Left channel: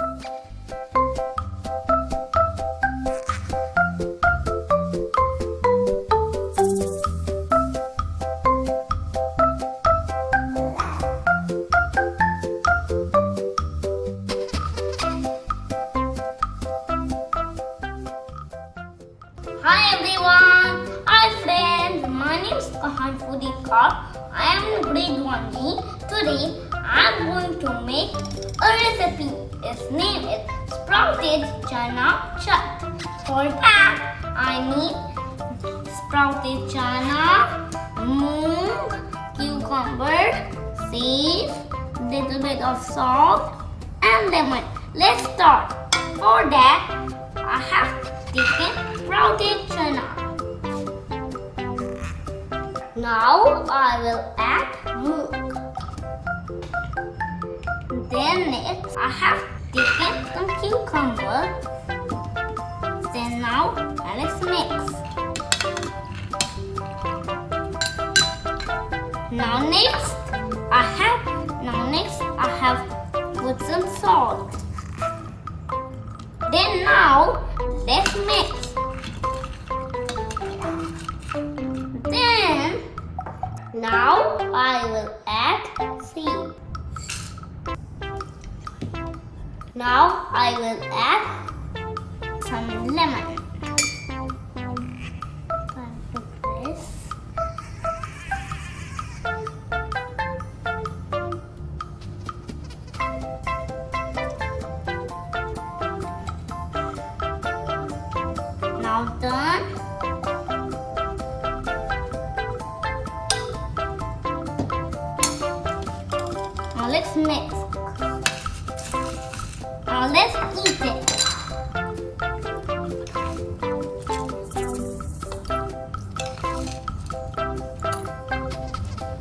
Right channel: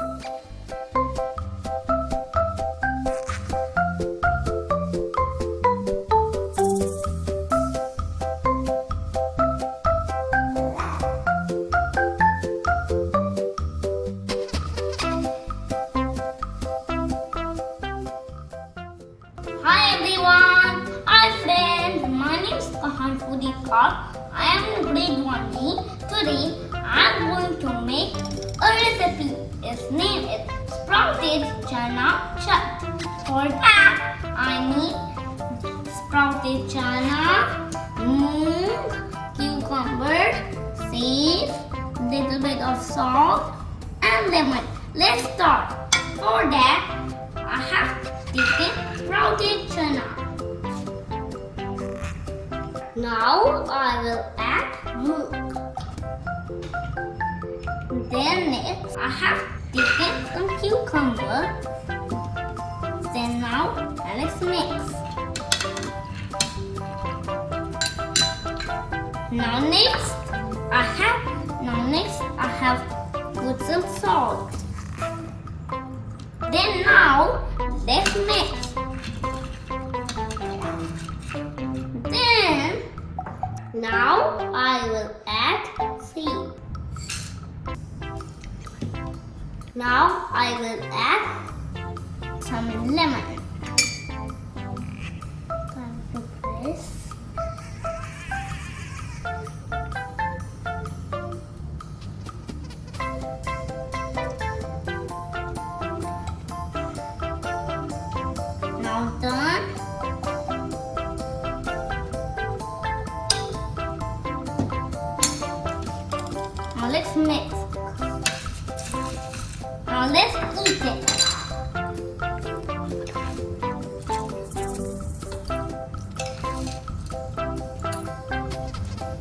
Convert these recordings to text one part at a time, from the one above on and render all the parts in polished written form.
Hi everyone! Hi friends! My name is Kahaan Foodie Car. I am in grade 1B. Today I am going to make a recipe. Its name is Sprouted Chana Chat. For that I need sprouted chana, moong, cucumber, seeds, little bit of salt and lemon. Let's start. For that I have taken sprouted chana. Now I will add moong. Then next I have taken some cucumber. Then now let's mix. Now next I have put some salt. Then now let's mix. Then now I will add seeds. Now I will add some lemon. Like this. Now done. Now let's mix. Now let's eat it.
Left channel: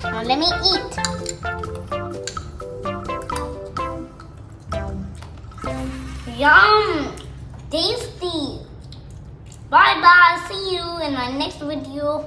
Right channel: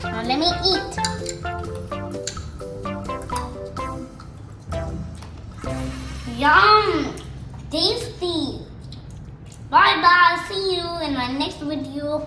Now let me eat. Yum! Tasty! Bye bye. See you in my next video.